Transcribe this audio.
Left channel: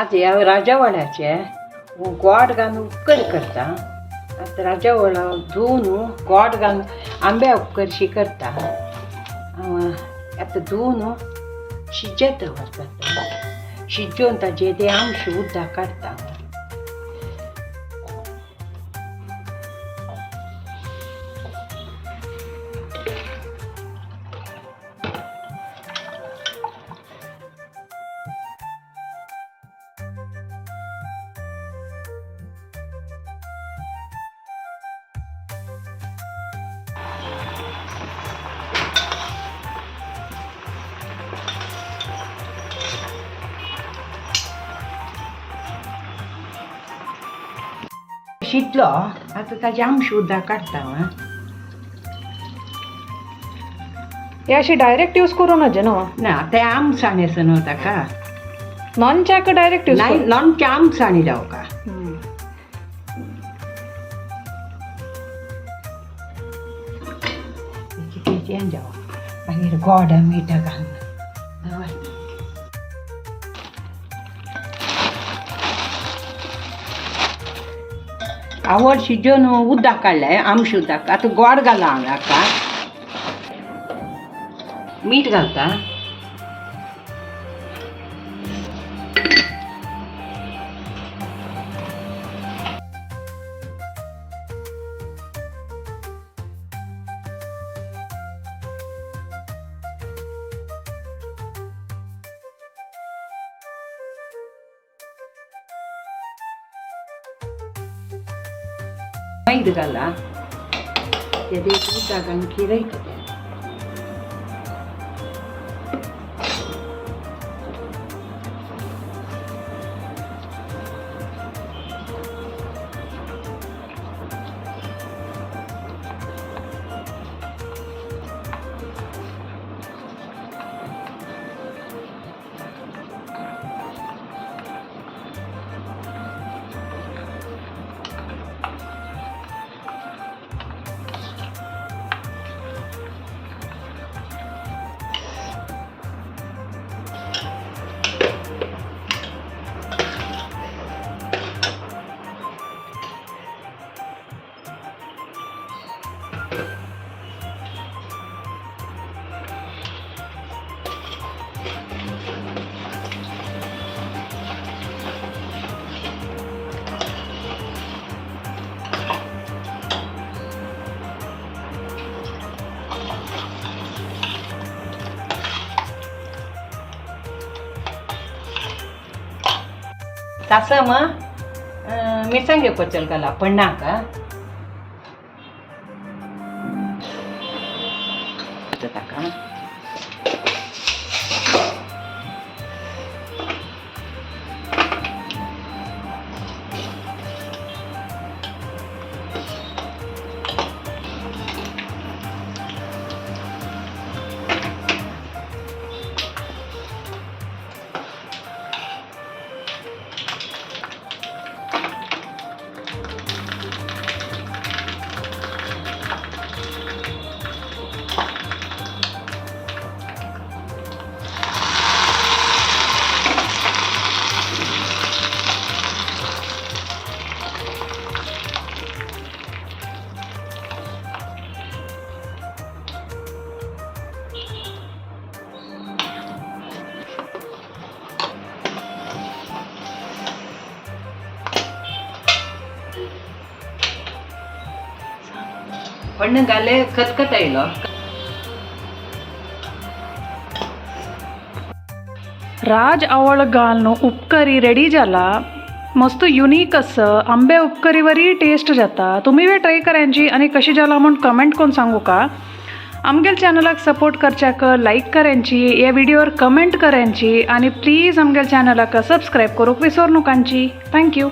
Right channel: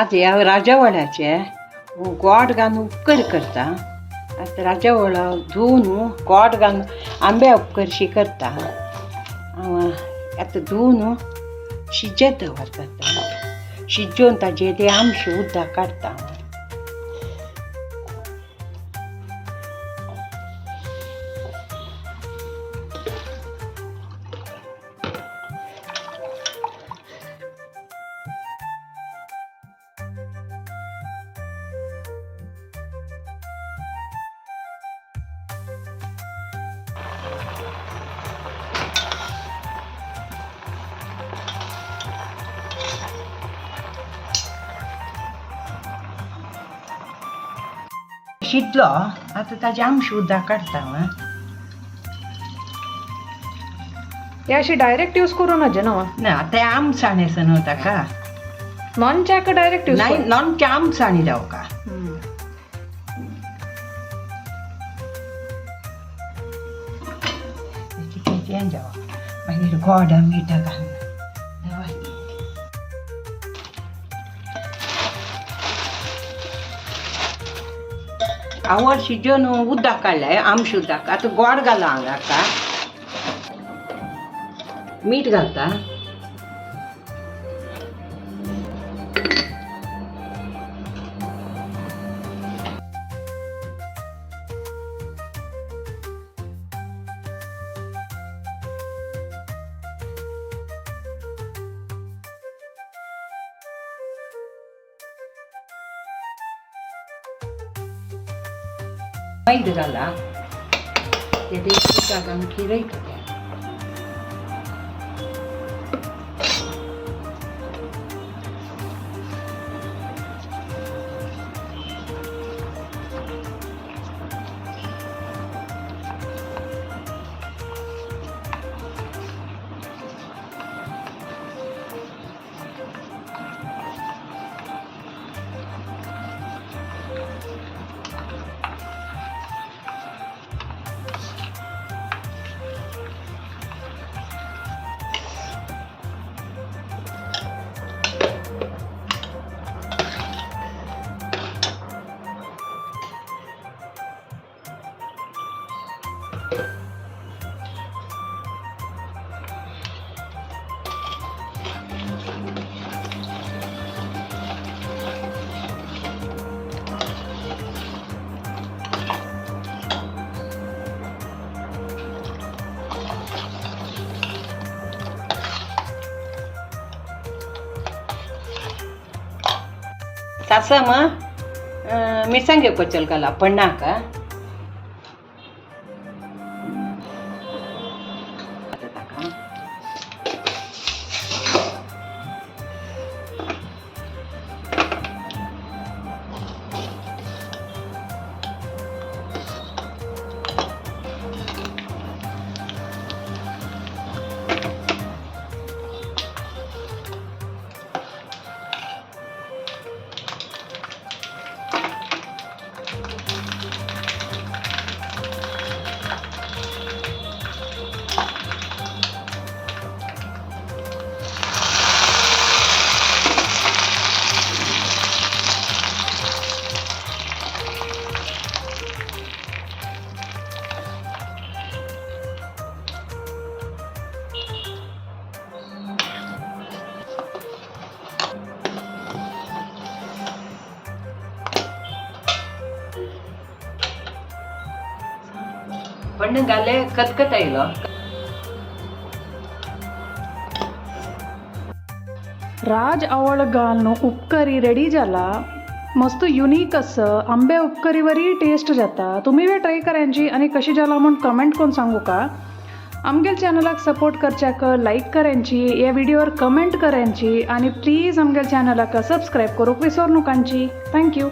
आज ह्या राजावळाचे गोड घालून उपकर करता. आता राजावळ धुवन गोड घालून आंब्या उपकरशी करता. आता धुवन शिजत दवरता. शिजोवन ताजे ते आमश उदक काडटा. शिजलो आता ताजे आमश उदक काडटा. हे अशी डायरेक्ट यूज करू नजे ना ना ते आमसाणेसन होता का नॉन च्या का डायरेक्ट यूज नाही नॉनच्या आमसाणी जाऊ का. जावा मागीर गोड मीठ घालून आवड शिजोवन उदक काडलें आमश उदक. आतां गोड घाला हाका मीठ घालता. मैद घाला ते उदक घालून किरयता ते. तसं मग मिरसांगे पचल घाला पन्नाक. पण घाले खतखत आयलो. राज आवळ घालून उपकरी रेडी जाला. मस्त युनिक असं आंब्या उपकरीवरही टेस्ट जाता. तुम्ही वे ट्राय करायची आणि कशी जाला म्हणून कमेंट करून सांगू का. आमगेल चॅनलाक सपोर्ट करच्याक लाईक करायची, या व्हिडिओवर कमेंट करायची आणि प्लीज आमगेल चॅनलाक सबस्क्राईब करूक विसरू नकांची. थँक्यू.